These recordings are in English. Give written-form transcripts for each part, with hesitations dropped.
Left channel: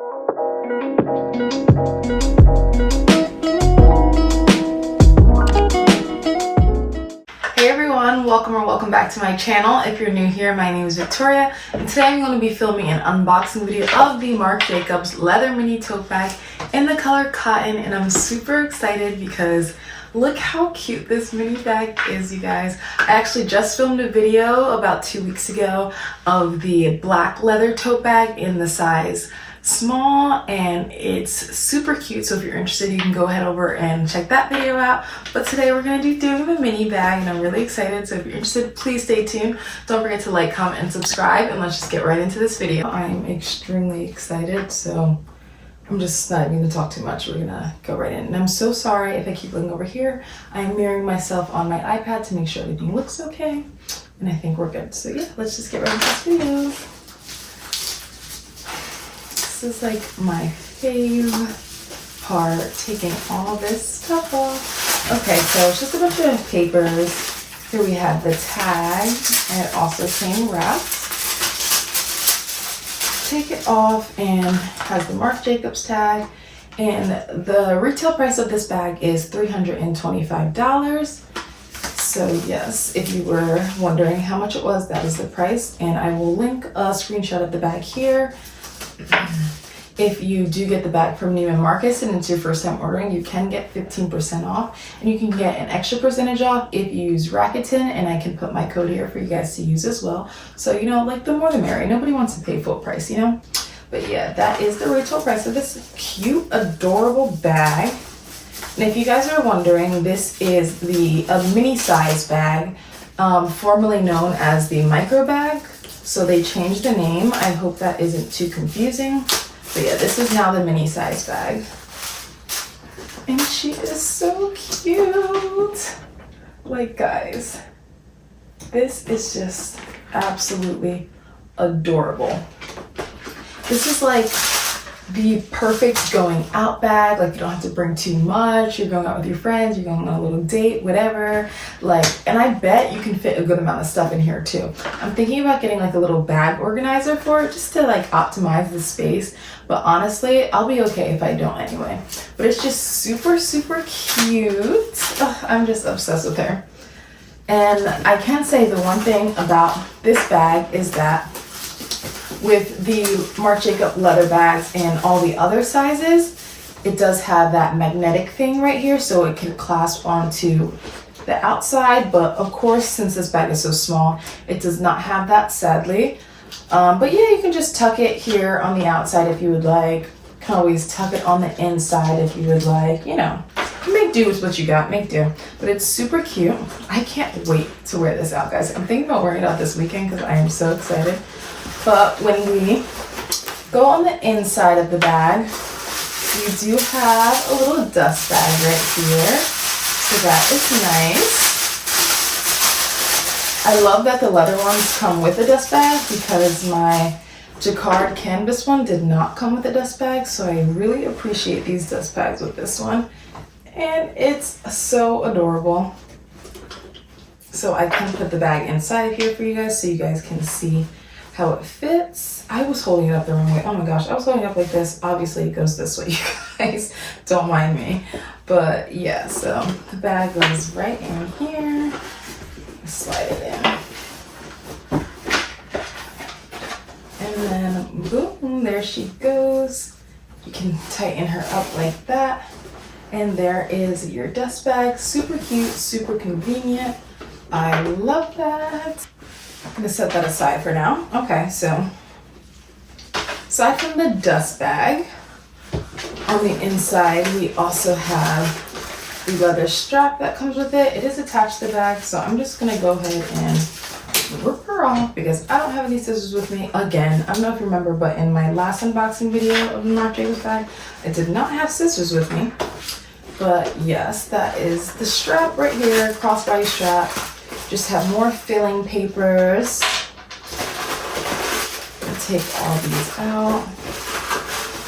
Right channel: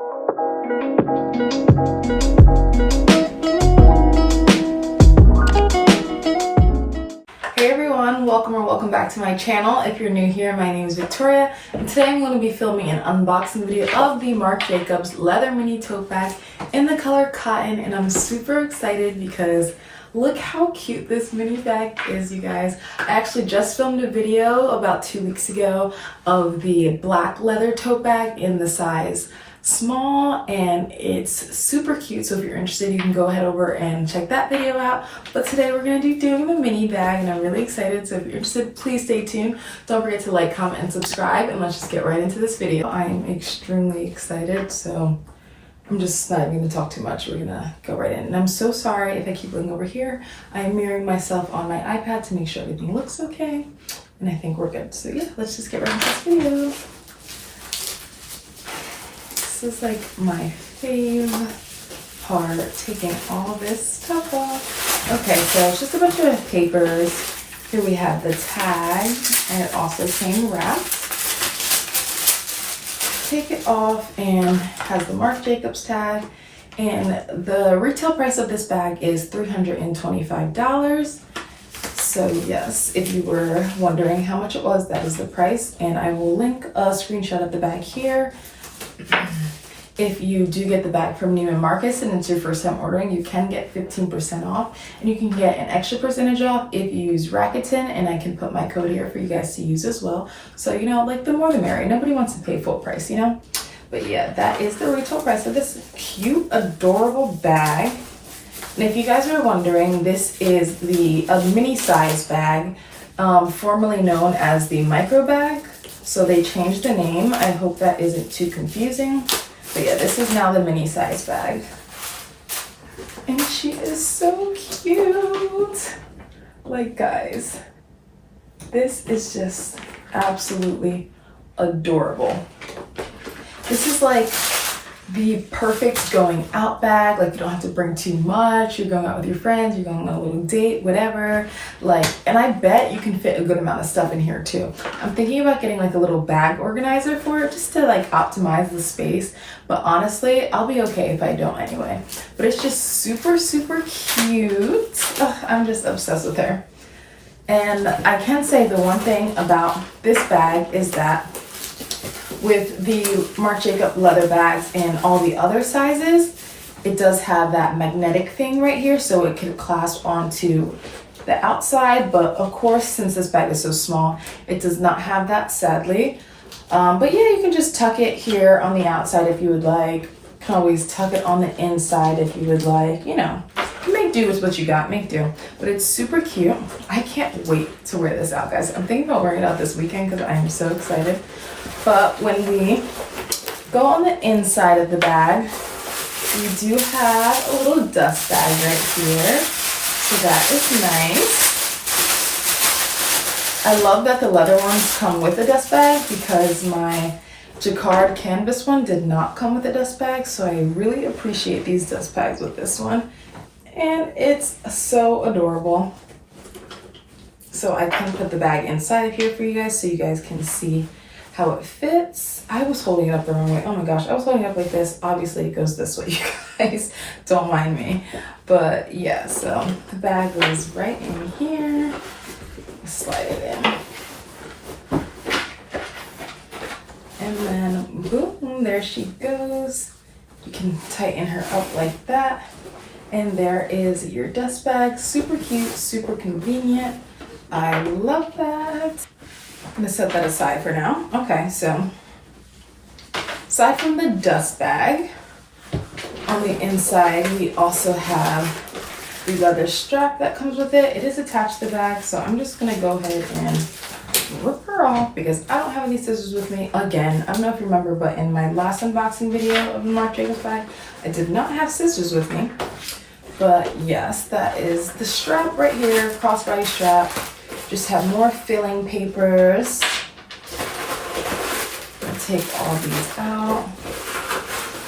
Hey everyone, welcome back to my channel. If you're new here, my name is Victoria, and today I'm going to be filming an unboxing video of the Marc Jacobs leather mini tote bag in the color cotton, and I'm super excited because look how cute this mini bag is, you guys. I actually just filmed a video about 2 weeks ago of the black leather tote bag in the size small, and it's super cute. So if you're interested, you can go ahead over and check that video out. But today we're going to be doing the mini bag, and I'm really excited. So if you're interested, please stay tuned. Don't forget to like, comment, and subscribe, and let's just get right into this video. I'm extremely excited, so I'm just not even going to talk too much. We're going to go right in. And I'm so sorry if I keep looking over here. I'm mirroring myself on my iPad to make sure everything looks okay, and I think we're good. So yeah, let's just get right into this video. This is like my fave part, taking all this stuff off. Okay, so it's just a bunch of papers. Here we have the tag, and it also came wrapped. Take it off, and has the Marc Jacobs tag. And the retail price of this bag is $325. So yes, if you were wondering how much it was, that is the price. And I will link a screenshot of the bag here. If you do get the bag from Neiman Marcus and it's your first time ordering, you can get 15% off, and you can get an extra percentage off if you use Rakuten, and I can put my code here for you guys to use as well. So, you know, like the more the merrier. Nobody wants to pay full price, you know? But yeah, that is the retail price of this cute, adorable bag. And if you guys are wondering, this is a mini size bag, formerly known as the micro bag. So they changed the name. I hope that isn't too confusing. But yeah, this is now the mini size bag. And she is so cute. Like, guys, this is just absolutely adorable. This is like the perfect going out bag. Like, you don't have to bring too much. You're going out with your friends, you're going on a little date, whatever. Like, and I bet you can fit a good amount of stuff in here too. I'm thinking about getting like a little bag organizer for it, just to like optimize the space. But honestly, I'll be okay if I don't anyway. But it's just super, super cute. Ugh, I'm just obsessed with her. And I can say the one thing about this bag is that with the Marc Jacobs leather bags and all the other sizes, it does have that magnetic thing right here, so it can clasp onto the outside. But of course, since this bag is so small, it does not have that, sadly. But yeah, you can just tuck it here on the outside if you would like. You can always tuck it on the inside if you would like. You know, make do with what you got, make do. But it's super cute. I can't wait to wear this out, guys. I'm thinking about wearing it out this weekend because I am so excited. But when we go on the inside of the bag, we do have a little dust bag right here. So that is nice. I love that the leather ones come with a dust bag because my jacquard canvas one did not come with a dust bag. So I really appreciate these dust bags with this one. And it's so adorable. So I can put the bag inside of here for you guys so you guys can see how it fits. I was holding it up the wrong way. Oh my gosh, I was holding it up like this. Obviously it goes this way, you guys. Don't mind me. But yeah, so the bag goes right in here. Slide it in. And then boom, there she goes. You can tighten her up like that. And there is your dust bag. Super cute, super convenient. I love that. I'm gonna set that aside for now. Okay, so aside from the dust bag, on the inside we also have the leather strap that comes with it. It is attached to the bag, so I'm just gonna go ahead and rip her off because I don't have any scissors with me. Again, I don't know if you remember, but in my last unboxing video of the Marc Jacobs bag, I did not have scissors with me. But yes, that is the strap right here, crossbody strap. Just have more filling papers. I'll take all these out.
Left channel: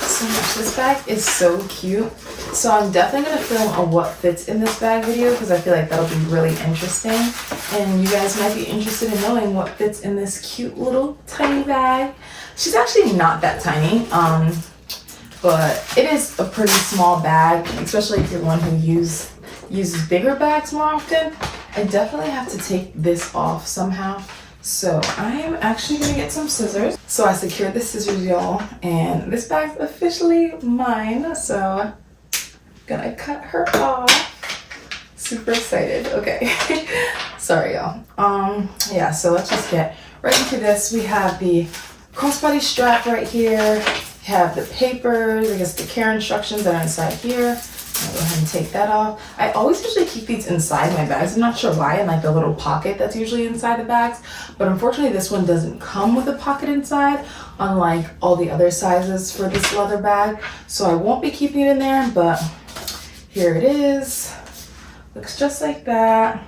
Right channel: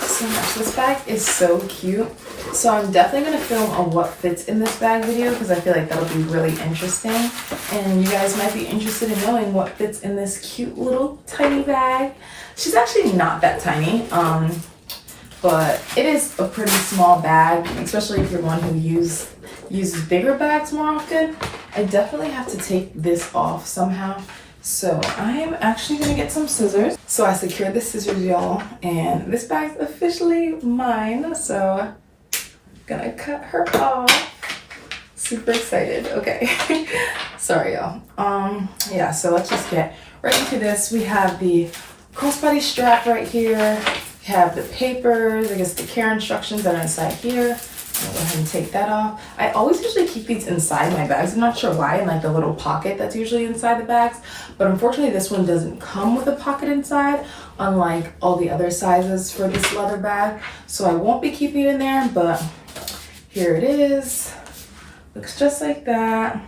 So much. This bag is so cute. So I'm definitely going to film a what fits in this bag video because I feel like that'll be really interesting. And you guys might be interested in knowing what fits in this cute little tiny bag. She's actually not that tiny. but it is a pretty small bag, especially if you're one who uses bigger bags more often. I definitely have to take this off somehow. So I am actually gonna get some scissors. So I secured the scissors, y'all, and this bag's officially mine. So gonna cut her off. Super excited. Okay. Sorry, y'all. Yeah, so let's just get right into this. We have the crossbody strap right here. We have the papers, I guess the care instructions that are inside here. I'll go ahead and take that off. I always usually keep these inside my bags. I'm not sure why, in like the little pocket that's usually inside the bags. But unfortunately, this one doesn't come with a pocket inside, unlike all the other sizes for this leather bag. So I won't be keeping it in there, but here it is. Looks just like that.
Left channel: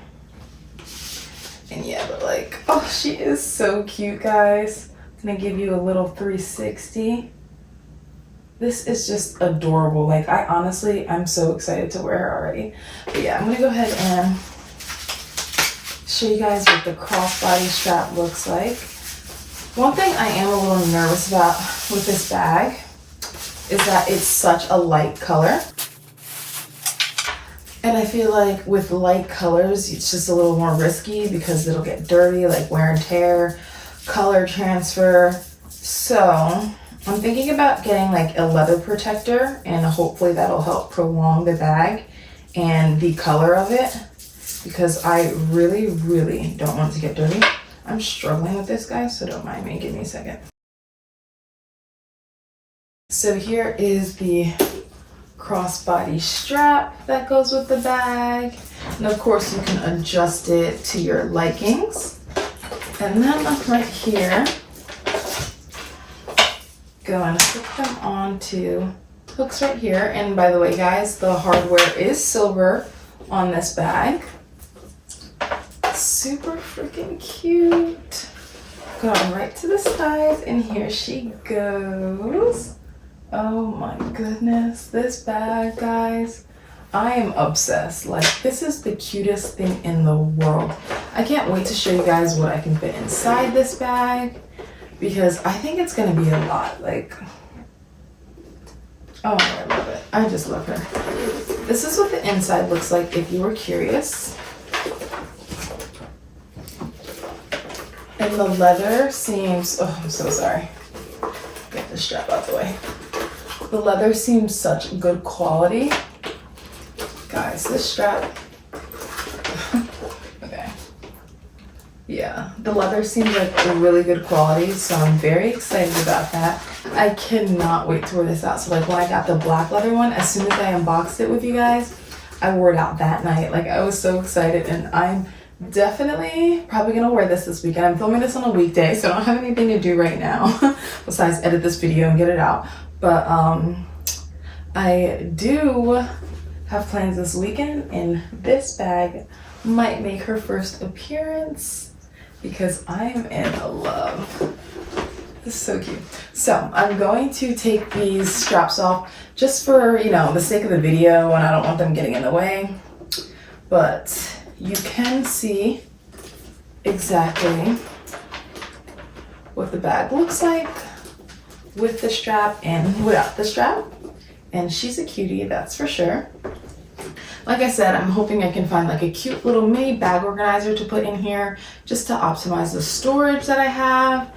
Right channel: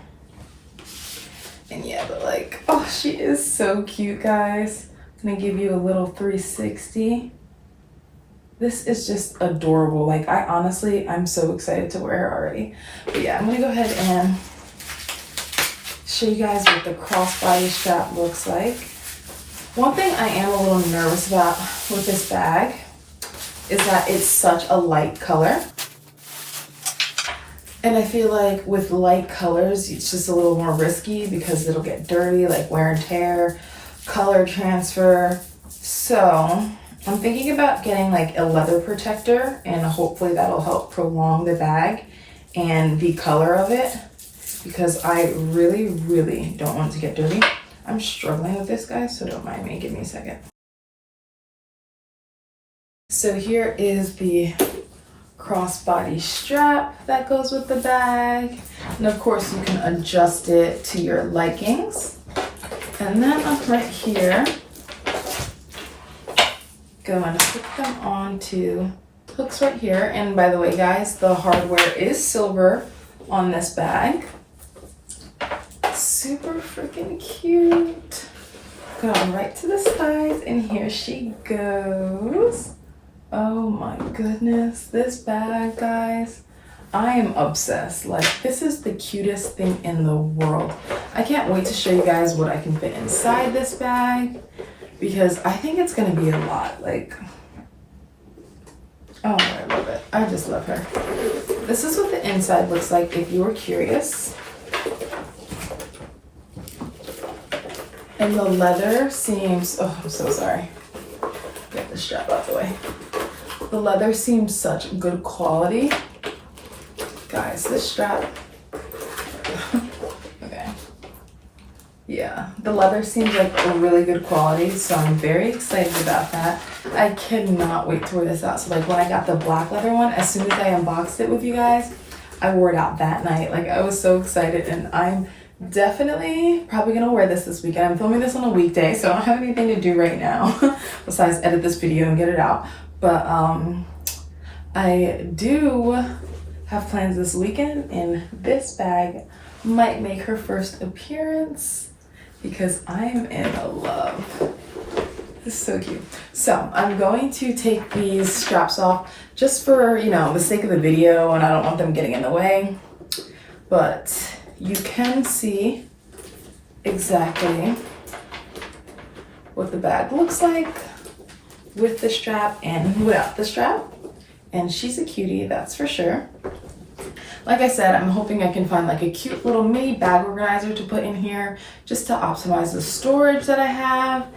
And yeah, but like, oh, she is so cute, guys. I'm gonna give you a little 360. This is just adorable. Like, I'm so excited to wear her already. But yeah, I'm gonna go ahead and show you guys what the crossbody strap looks like. One thing I am a little nervous about with this bag is that it's such a light color. And I feel like with light colors, it's just a little more risky because it'll get dirty, like wear and tear, color transfer. So I'm thinking about getting like a leather protector, and hopefully that'll help prolong the bag and the color of it, because I really, really don't want it to get dirty. I'm struggling with this, guys, so don't mind me. Give me a second. So here is the crossbody strap that goes with the bag, and of course you can adjust it to your likings. And then up right here, go and put them onto hooks right here. And by the way, guys, the hardware is silver on this bag. Super freaking cute. Go right to the sides, and here she goes. Oh my goodness, this bag, guys, I am obsessed. Like, this is the cutest thing in the world. I can't wait to show you guys what I can fit inside this bag, because I think it's gonna be a lot. Like, oh, I love it. I just love her. This is what the inside looks like if you were curious. And the leather seems, oh, I'm so sorry. Get the strap out the way. The leather seems such good quality. Guys, this strap, okay. Yeah, the leather seems like a really good quality, so I'm very excited about that. I cannot wait to wear this out. So like when I got the black leather one, as soon as I unboxed it with you guys, I wore it out that night. Like, I was so excited, and I'm definitely probably gonna wear this weekend. I'm filming this on a weekday, so I don't have anything to do right now besides edit this video and get it out. But I do have plans this weekend, and this bag might make her first appearance because I am in love. This is so cute. So I'm going to take these straps off just for, you know, the sake of the video, and I don't want them getting in the way. But you can see exactly what the bag looks like with the strap and without the strap. And she's a cutie, that's for sure. Like I said, I'm hoping I can find like a cute little mini bag organizer to put in here just to optimize the storage that I have.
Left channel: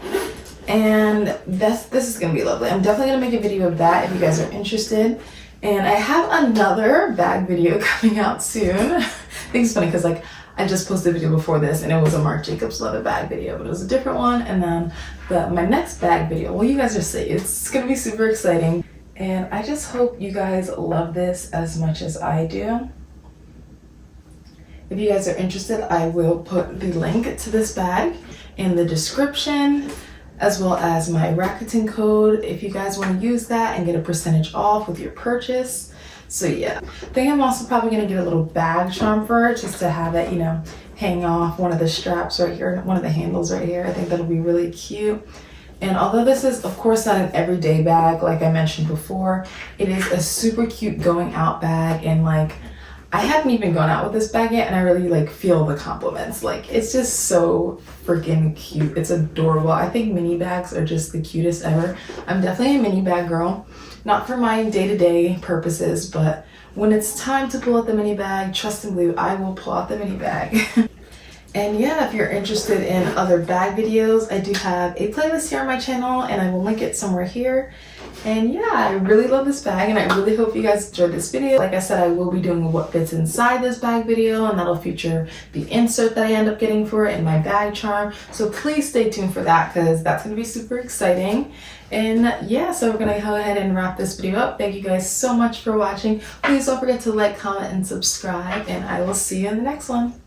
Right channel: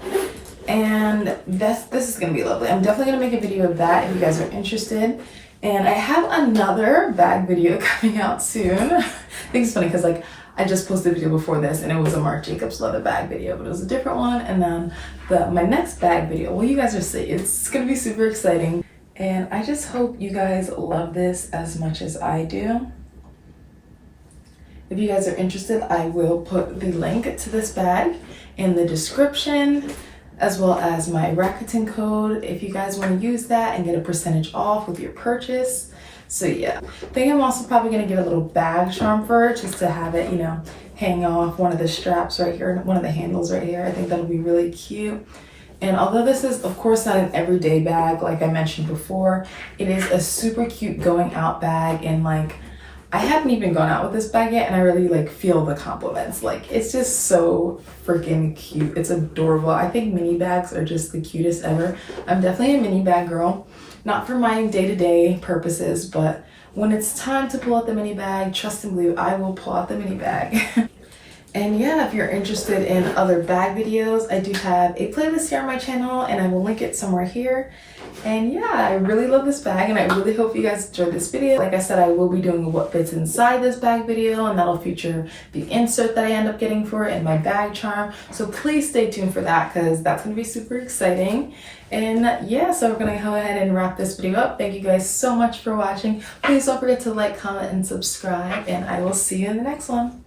And this is gonna be lovely. I'm definitely gonna make a video of that if you guys are interested. And I have another bag video coming out soon. I think it's funny because like I just posted a video before this, and it was a Marc Jacobs leather bag video, but it was a different one. And then my next bag video, well, you guys will see, it's gonna be super exciting. And I just hope you guys love this as much as I do. If you guys are interested, I will put the link to this bag in the description, as well as my Rakuten code if you guys want to use that and get a percentage off with your purchase. So yeah, I think I'm also probably gonna get a little bag charm for it, just to have it, you know, hang off one of the straps right here, one of the handles right here. I think that'll be really cute. And although this is of course not an everyday bag, like I mentioned before, it is a super cute going out bag. And like, I haven't even gone out with this bag yet, and I really like feel the compliments. Like, it's just so freaking cute. It's adorable. I think mini bags are just the cutest ever. I'm definitely a mini bag girl. not for my day-to-day purposes, but when it's time to pull out the mini bag, trust and believe, I will pull out the mini bag. And yeah, if you're interested in other bag videos, I do have a playlist here on my channel and I will link it somewhere here. And yeah, I really love this bag and I really hope you guys enjoyed this video. Like I said, I will be doing what fits inside this bag video, and that'll feature the insert that I end up getting for it and my bag charm. So please stay tuned for that because that's going to be super exciting. And yeah, so we're going to go ahead and wrap this video up. Thank you guys so much for watching. Please don't forget to like, comment, and subscribe, and I will see you in the next one.